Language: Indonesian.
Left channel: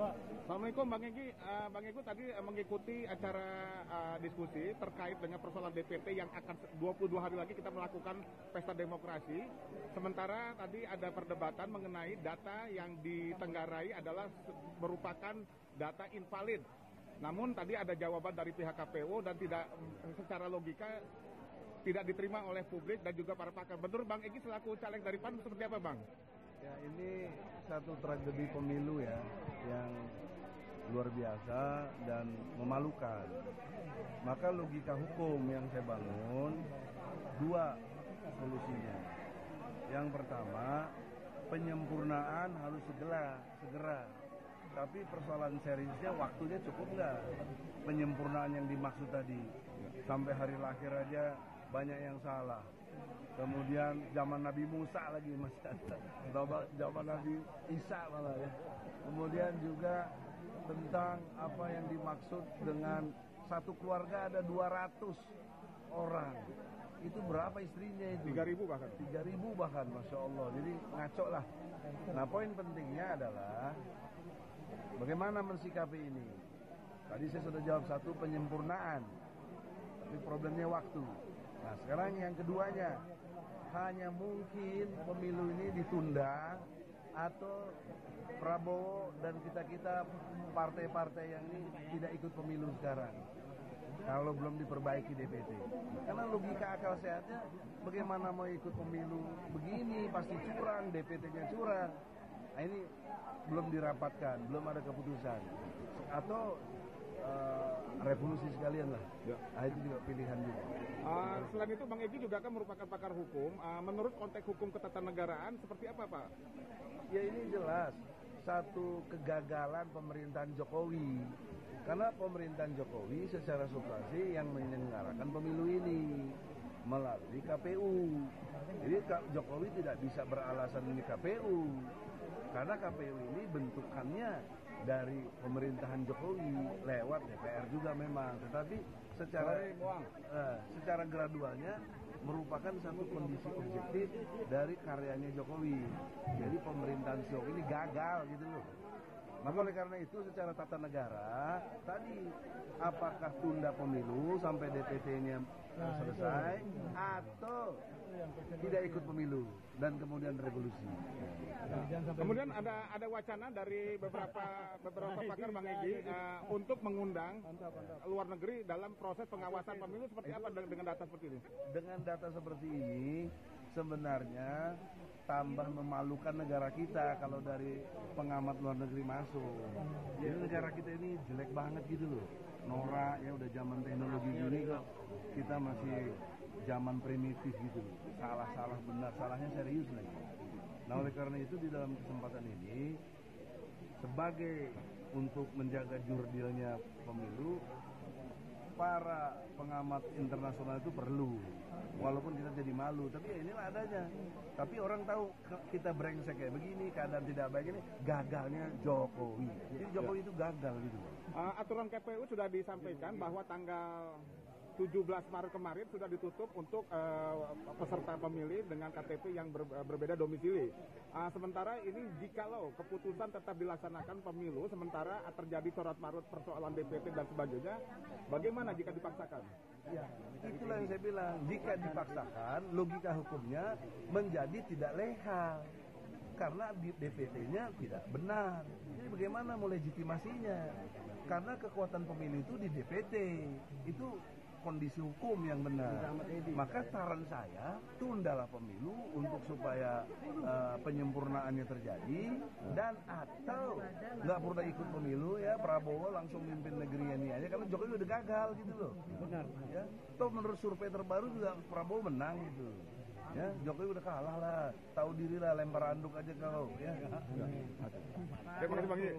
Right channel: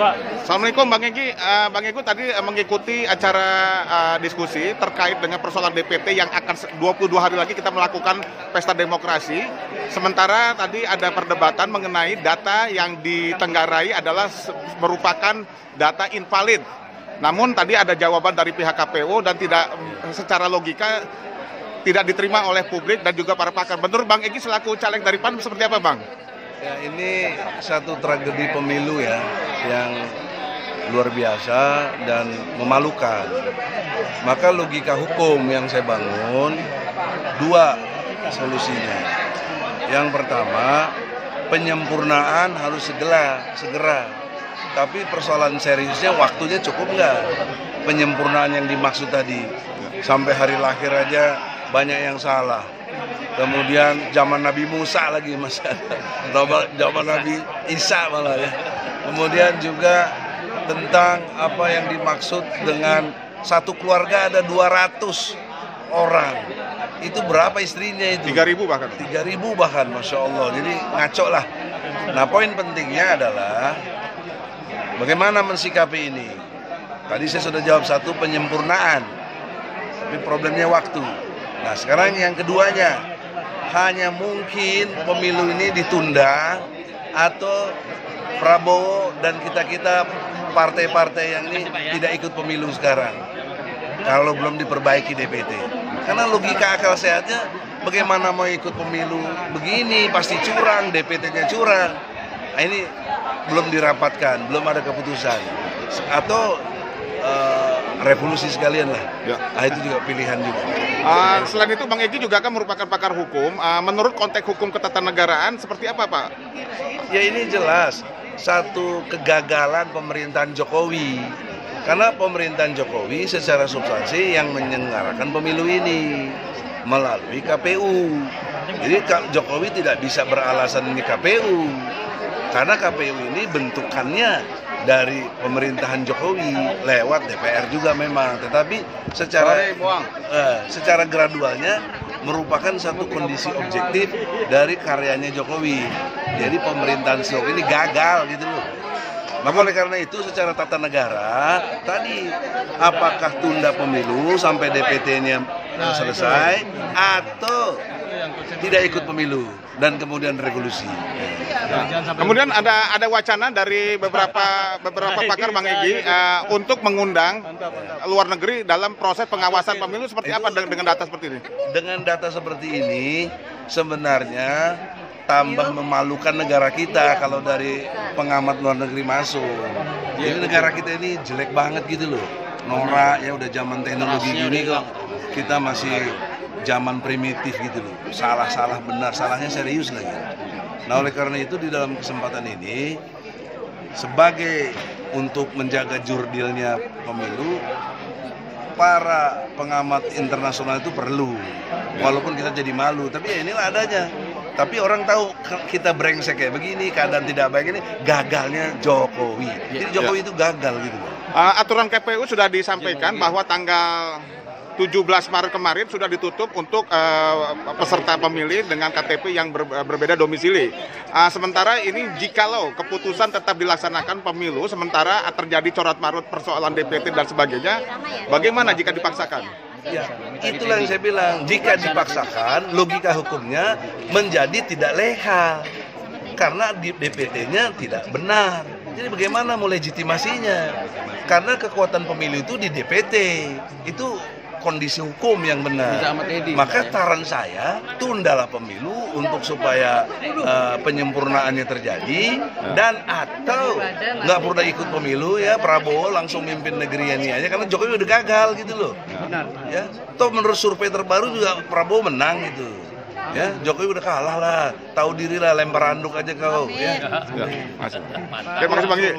Assalamualaikum Bang Egy. Bang Egy tadi mengikuti acara diskusi terkait dengan persoalan DPT yang akan 22 hari lagi kita melakukan pesta demokrasi. Sementara tadi ada perdebatan mengenai data yang ditenggarai adalah merupakan data invalid. Namun tadi ada jawaban dari pihak KPU dan tidak secara logika tidak diterima oleh publik dan juga para pakar. Menurut Bang Egy selaku caleg dari PAN seperti apa Bang? Ya, ini satu tragedi pemilu ya yang luar biasa dan memalukan. Maka logika hukum yang saya bangun dua solusinya. Yang pertama, penyempurnaan harus segera. Tapi persoalan seriusnya waktunya cukup nggak? Penyempurnaan yang dimaksud tadi sampai hari lahir aja banyak yang salah. Kemudian zaman Nabi Musa lagi zaman Nabi Isa malah ya. Kemudian juga tentang apa yang dimaksud dengan satu keluarga ada 200 orang. Itu berapa istrinya itu? 3.000 bahkan. 3.000 bahkan, Masya Allah. Jadi ngaco lah. Nah, poin pentingnya adalah bagaimana mensikapi ini. Tadi saya sudah jawab satu, penyempurnaan. Tapi problemnya waktu. Nah, sekarang yang keduanya, hanya mungkin pemilu ini ditunda atau Prabowo dan kita partai-partai yang ini tidak ikut pemilu sekarang kalau belum diperbaiki DPT. Karena logika akal sehatnya bagaimana mau ikut pemilu begini, pasti curang, DPT-nya curang. Nah, ini belum dirapatkan, belum ada keputusan. Atau revolusi sekalian lah. Ya. Nah, itu juga pilihan juga. Selain itu Bang Egy juga kan merupakan pakar hukum. Menurut konteks hukum ketatanegaraan seperti apa Pak? Ya ini jelas satu kegagalan pemerintahan Jokowi. Karena pemerintahan Jokowi secara substansi yang menyelenggarakan pemilu ini melalui KPU. Jadi Jokowi tidak bisa beralasan ini KPU. Karena KPU ini bentukannya dari pemerintahan Jokowi lewat DPR juga memang, tetapi secara gradualnya merupakan satu kondisi objektif dari karyanya Jokowi. Jadi pemerintahan Jokowi ini gagal gitu loh. Maka oleh karena itu secara tata negara tadi apakah tunda pemilu sampai DPT-nya selesai atau tidak ikut pemilu dan kemudian revolusi. Kemudian ada wacana dari beberapa pakar Bang Egy untuk mengundang luar negeri dalam proses pengawasan pemilu seperti apa dengan data seperti ini? Dengan data seperti ini sebenarnya tambah memalukan negara kita kalau dari pengamat luar negeri masuk. Jadi negara kita ini jelek banget gitu loh. Norak ya udah zaman teknologi gini kok kita masih zaman primitif gitu loh. Salah benar, salahnya serius lagi. Nah oleh karena itu di dalam kesempatan ini sebagai untuk menjaga jurdilnya pemilu, para pengamat internasional itu perlu. Walaupun kita jadi malu, tapi ya inilah adanya. Tapi orang tahu kita brengsek kayak begini, keadaan tidak baik ini, gagalnya Jokowi. Jadi Jokowi itu gagal gitu. Aturan KPU sudah disampaikan bahwa tanggal 17 Maret kemarin sudah ditutup untuk peserta pemilih dengan KTP yang berbeda domisili. Sementara ini jikalau keputusan tetap dilaksanakan pemilu, sementara terjadi coret-marut persoalan DPT dan sebagainya, bagaimana jika dipaksakan? Ya, itulah yang saya bilang. Jika dipaksakan, logika hukumnya menjadi tidak legal karena DPT-nya tidak benar. Jadi bagaimana mau legitimasinya? Karena kekuatan pemilu itu di DPT. Itu kondisi hukum yang benar. Maka saran saya tundalah pemilu untuk supaya penyempurnaannya terjadi dan atau nggak perlu ikut pemilu ya Prabowo langsung mimpin negeri ini aja karena Jokowi udah gagal gitu loh. Ya, toh menurut survei terbaru juga Prabowo menang gitu. Ya, Jokowi udah kalah lah, tahu diri lah, lempar handuk aja kau. Ya. Terima kasih Bang Egy.